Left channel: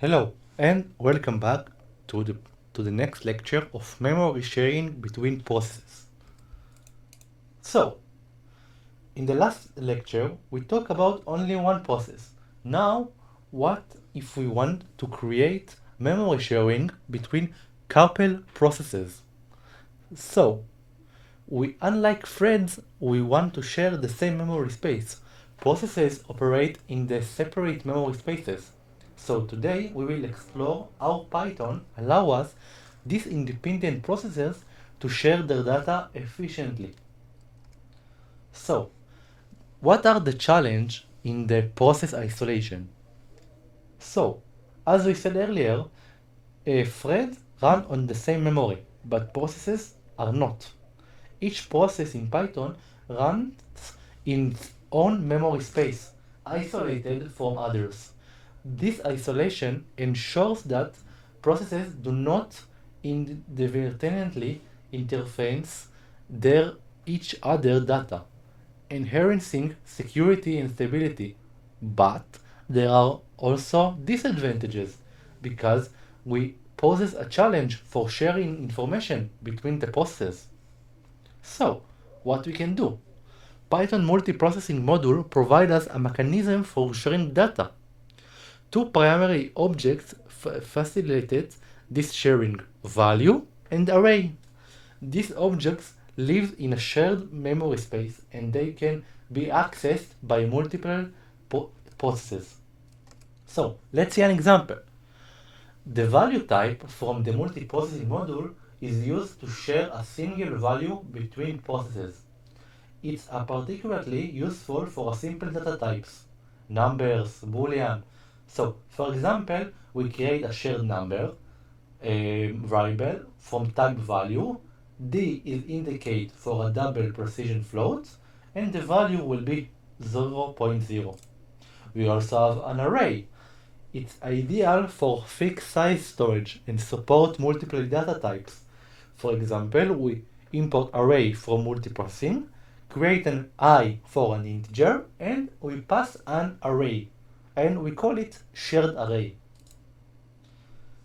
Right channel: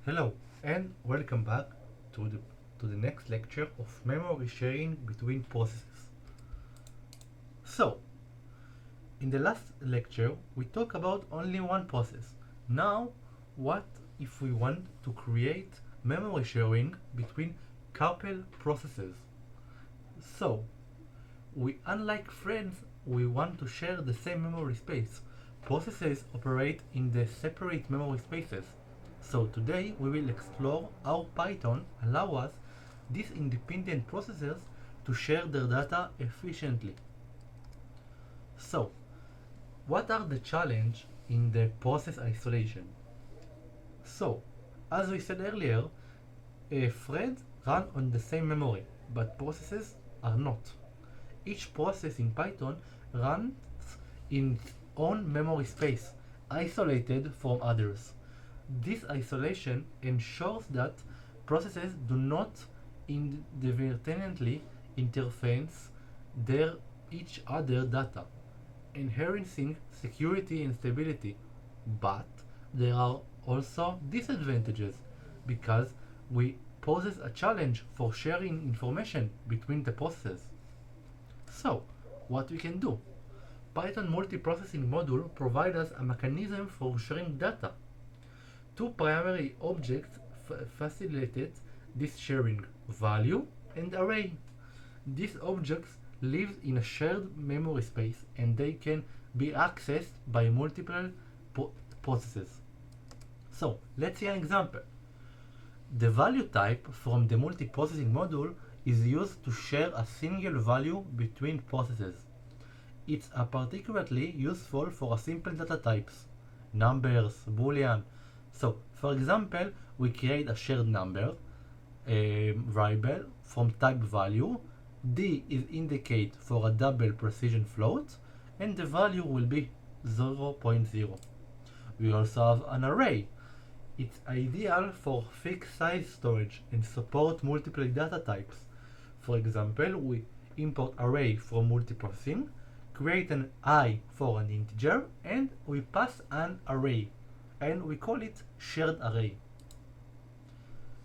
Hello and welcome back to the next lecture of memory sharing between processes. So, in the last lecture we talked about only one process. Now, what if we want to create memory sharing between couple processes? So, unlike threads, we want to share the same memory space. Processes operate in the separate memory spaces. So today we will explore how Python allows these independent processes to share their data efficiently. So, what are the challenges in the process isolation? So, as we said earlier, threads run on the same memory, but processes are not. Each process in Python runs in its own memory space, isolated from others. This isolation ensures that processes do not inadvertently interface their each other data, enhancing security and stability. But there are also disadvantages because we poses a challenge for sharing information between the processes. So, what we can do? Python multiprocessing module provides us a mechanism for sharing data. Two primary objects facilitate this sharing, value and array. These objects live in a shared memory space and they can be accessed by multiple processes. So, let's see an example. The value type from the multiprocessing module is used to share a single value between processes. It's particularly useful for simple data types, numbers, boolean. So, for example, we create a shared number variable from type value. D is indicate for a double precision float, and the value will be 0.0. We also have an array. It's ideal for fixed size storage and support multiple data types. For example, we import array from multiprocessing, create an I for an integer, and we pass an array, and we call it shared array.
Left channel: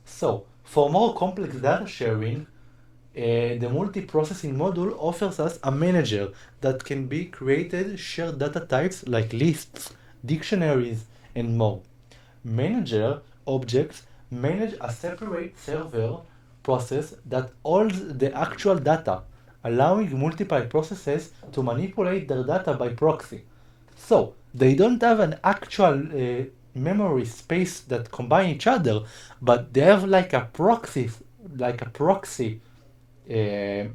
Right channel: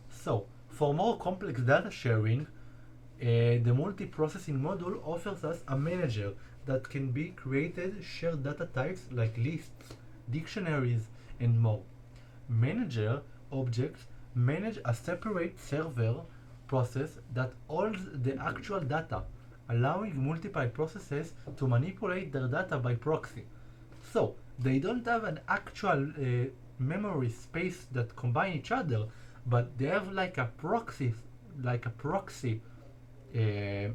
So, for more complex data sharing, the multiprocessing module offers us a manager that can be created shared data types like lists, dictionaries, and more. Manager objects manage a separate server process that holds the actual data, allowing multiple processes to manipulate their data by proxy. So, they don't have an actual memory space that combine each other, but they have like a proxy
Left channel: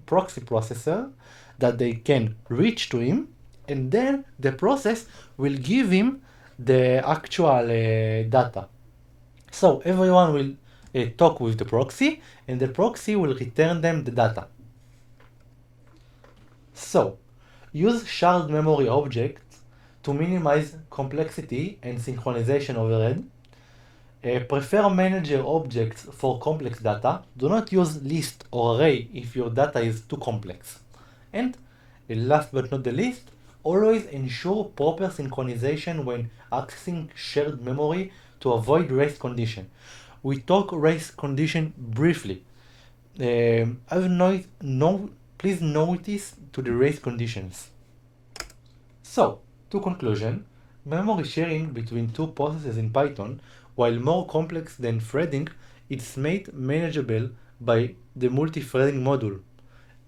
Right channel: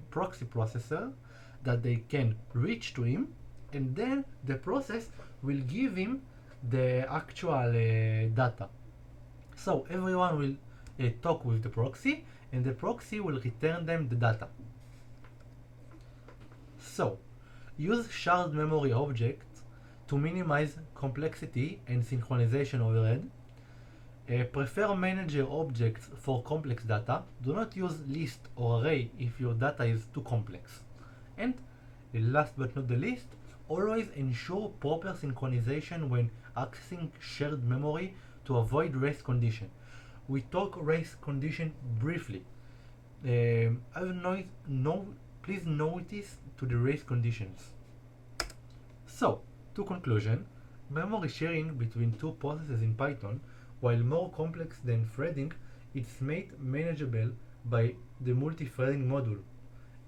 processor that they can reach to him, and then the process will give him the actual data. So everyone will talk with the proxy, and the proxy will return them the data. So, use shared memory objects to minimize complexity and synchronization overhead. Prefer manager objects for complex data. Do not use list or array if your data is too complex. And last but not the least, always ensure proper synchronization when accessing shared memory to avoid race condition. We talk race condition briefly. Please notice to the race conditions. So, to conclusion, memory sharing between two processes in Python, while more complex than threading, is made manageable by the multi-threading module.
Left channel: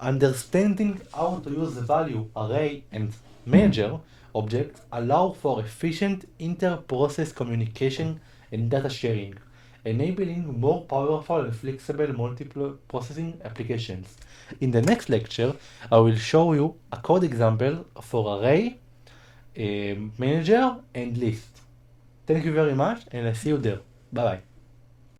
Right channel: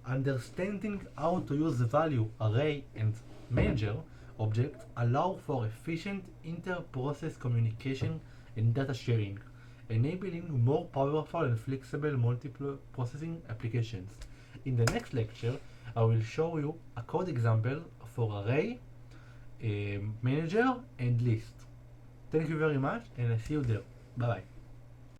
Understanding how to use value, array, and manager objects allow for efficient inter-process communication and data sharing, enabling more powerful and flexible multiple processing applications. In the next lecture, I will show you a code example for array, manager, and list. Thank you very much, and I see you there. Bye bye.